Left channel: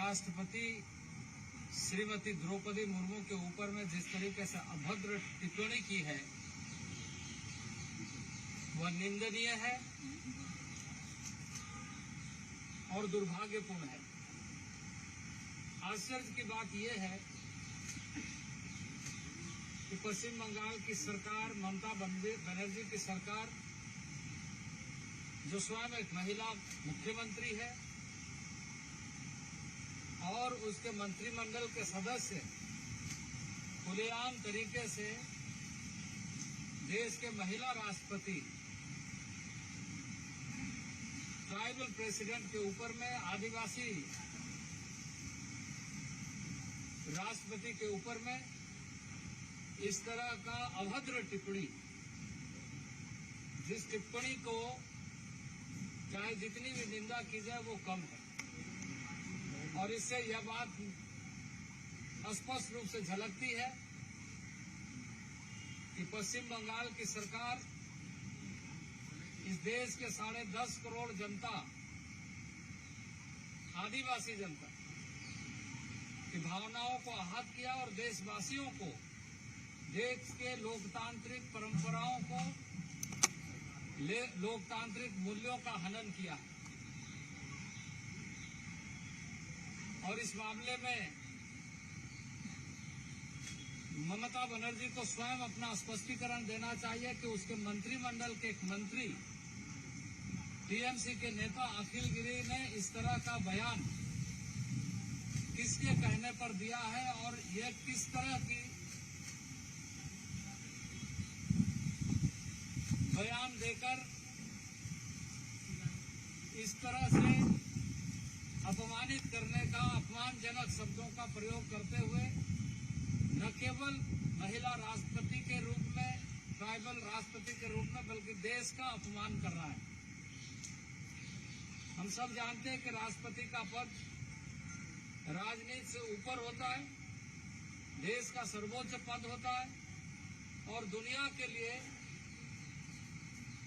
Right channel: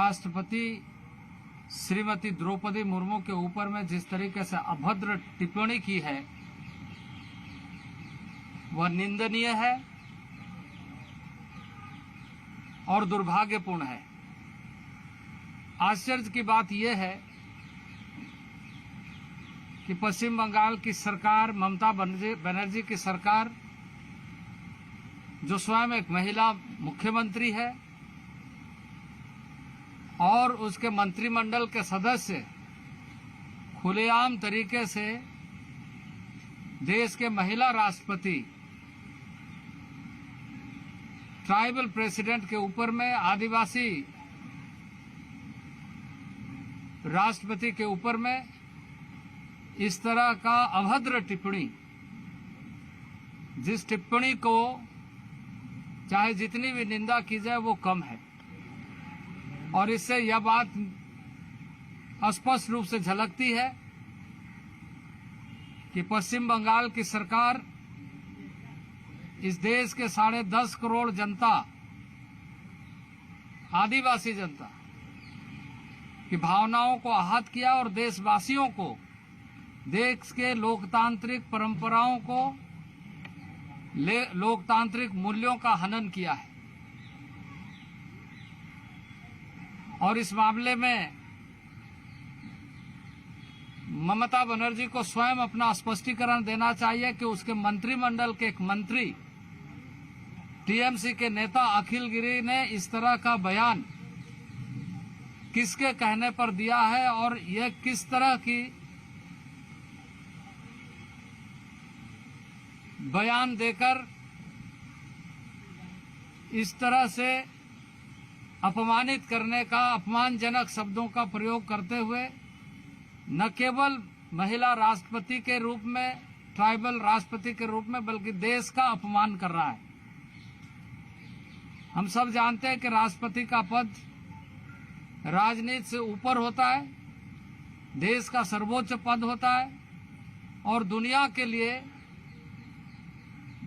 राष्ट्रपति श्रीमती द्रौपदी मुर्मू के ऊपर में जिस तरीके से अभद्र टिप्पणी की है वह निंदनीय है और दुर्भाग्यपूर्ण है। आश्चर्य की बात यह है कि पश्चिम बंगाल की सरकार, ममता बनर्जी की सरकार, जो स्वयं एक महिला मुख्यमंत्री है और उसके मंत्रिमंडल के सदस्य खुलेआम तरीके से देश के महिला राष्ट्रपति, ट्राइबल प्रेसिडेंट के ऊपर में, आदिवासी राष्ट्रपति के ऊपर में इस तरह का अभद्र टिप्पणी, जिस टिप्पणी को चाहे जितनी भी निंदा की जाए वो कम है। और इससे यह बात स्पष्ट रूप से झलकती है कि पश्चिम बंगाल की सरकार इस देश के 10.5 करोड़ जनता, आदिवासी जनता की भावनाओं को आहत किया और देशवासियों को, देश के लोकतांत्रिक परंपराओं को, लोकतांत्रिक मूल्यों का हनन किया है। और इस मामले में ममता बनर्जी को स्वयं अपना स्पष्टीकरण देना चाहिए कि उसके मंत्रिमंडल के एक मंत्री, टीएमसी के नेता अखिल गिरी ने इस तरह का बयान किसके कहने पर दिया है और यह किस तरह की बयान देकर इस तरह से अपमानित करने का, अपमानजनक शब्दों का प्रयोग करते हुए न केवल महिला राष्ट्रपति के रूप में, ट्राइबल राष्ट्रपति के रूप में, बल्कि देश का अपमान कर रहा है। हम सब जानते हैं कि राष्ट्रपति का पद राजनीति से ऊपर होता है, देश का सर्वोच्च पद होता है और दुनिया के लिए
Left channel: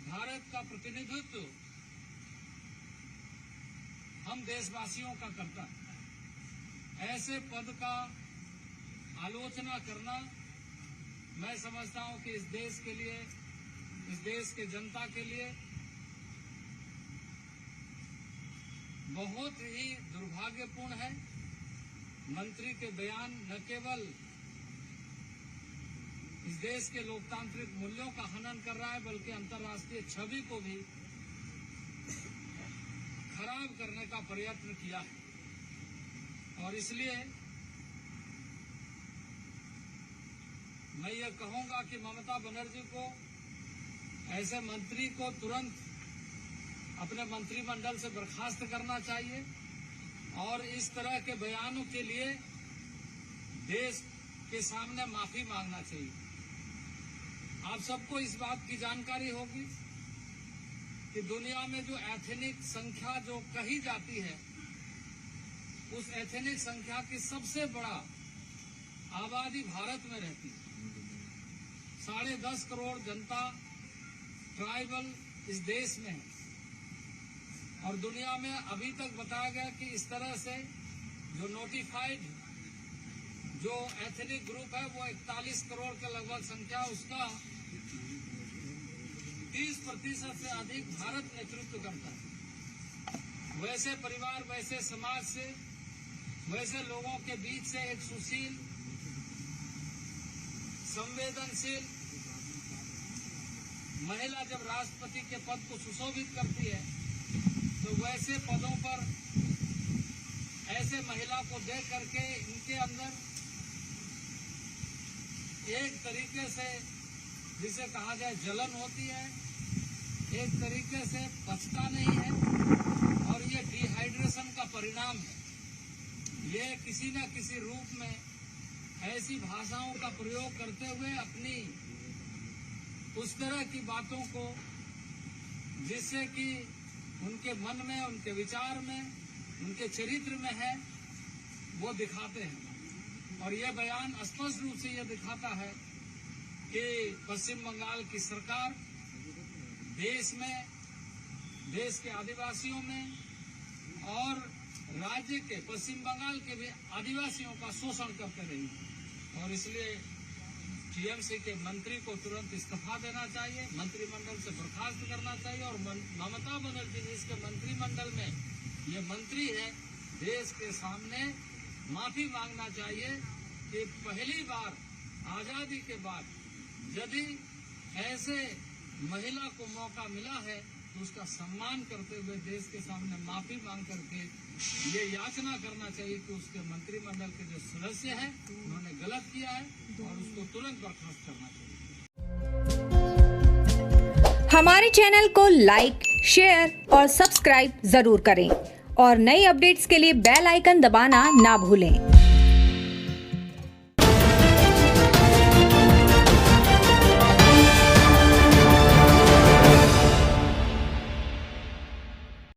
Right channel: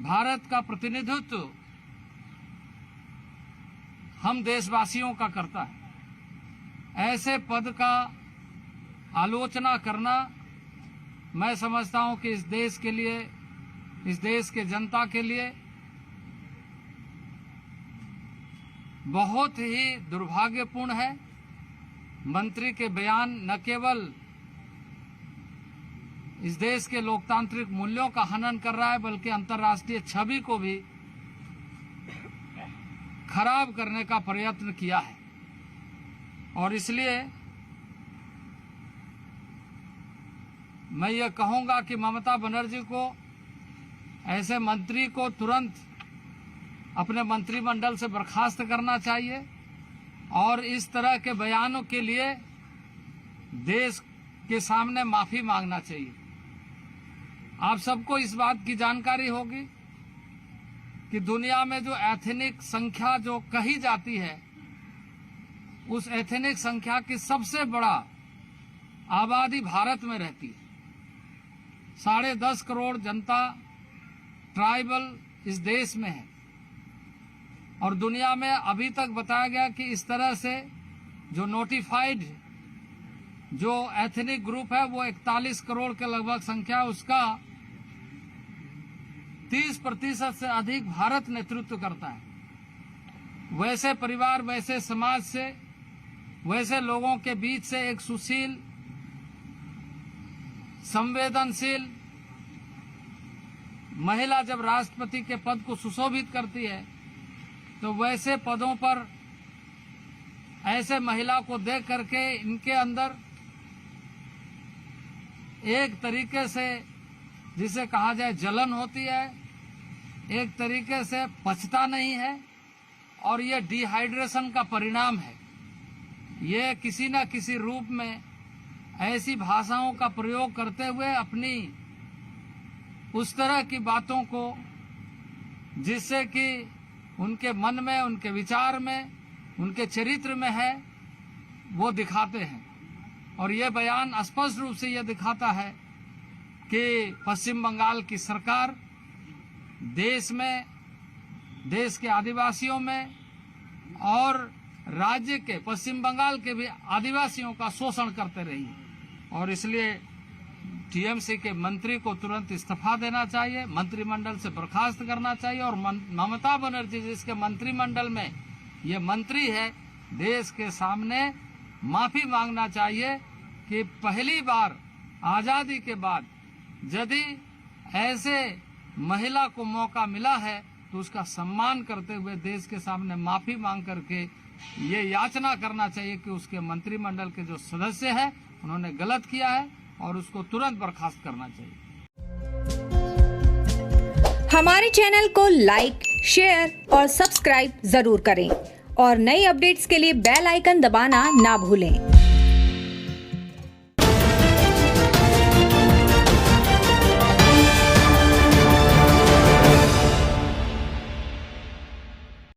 भारत का प्रतिनिधित्व हम देशवासियों का करता है। ऐसे पद का आलोचना करना, मैं समझता हूं कि इस देश के लिए, इस देश के जनता के लिए बहुत ही दुर्भाग्यपूर्ण है। मंत्री के बयान न केवल इस देश के लोकतांत्रिक मूल्यों का हनन कर रहा है, बल्कि अंतर्राष्ट्रीय छवि को भी खराब करने का प्रयत्न किया है। और इसलिए मैं ये कहूंगा कि ममता बनर्जी को, ऐसे मंत्री को तुरंत अपने मंत्रिमंडल से बर्खास्त करना चाहिए और इस तरह के बयानों के लिए देश के सामने माफी मांगना चाहिए। आप सबको इस बात की जानकारी होगी कि दुनिया में जो एथनिक संख्या जो कही जाती है, उस एथनिक संख्या की सबसे बड़ा आबादी भारत में रहती है। 10.5 करोड़ जनता ट्राइबल इस देश में है और दुनिया में अभी तक बताया गया कि इस तरह से जो नोटिफाइड जो एथनिक ग्रुप है वो 41 करोड़ के लगभग संख्या, उसका 30% से अधिक भारत नेतृत्व करता है। वैसे परिवार, वैसे समाज से, वैसे लोगों के बीच से एक सुशील, संवेदनशील महिला जब राष्ट्रपति के पद को सुशोभित करती है, तो वैसे पदों पर ऐसे महिला को देख करके इनके अंदर एक तरीके से, जिसे कहा जाए, जलन होती है, एक तरीके से पचता नहीं है और ये डिहाइड्रेशन का परिणाम है। ये किसी न किसी रूप में ऐसी भाषाओं का प्रयोग करते हुए अपनी उस तरह की बातों को, जिससे कि उनके मन में, उनके विचार में, उनके चरित्र में है, वो दिखाते हैं। और ये बयान स्पष्ट रूप से यह दिखाता है कि पश्चिम बंगाल की सरकार देश में, देश के आदिवासियों में और राज्य के, पश्चिम बंगाल के भी आदिवासियों का शोषण करते रही और इसलिए टीएमसी के मंत्री को तुरंत इस्तीफा देना चाहिए, मंत्रिमंडल से बर्खास्त करना चाहिए और ममता बनर्जी जिसके मंत्रिमंडल में ये मंत्री है, देश के सामने माफी मांगना चाहिए कि पहली बार आजादी के बाद यदि ऐसे महिला को मौका मिला है तो उसका सम्मान करते हुए देश के सामने माफी मांग करके ये याचना करना चाहिए कि उसके मंत्रिमंडल के जो सदस्य हैं उन्होंने गलत किया है और उसको तुरंत बर्खास्त करना चाहिए। हमारे चैनल को लाइक, शेयर और सब्सक्राइब जरूर करें और नई अपडेट्स के लिए बेल आइकन दबाना ना भूलें।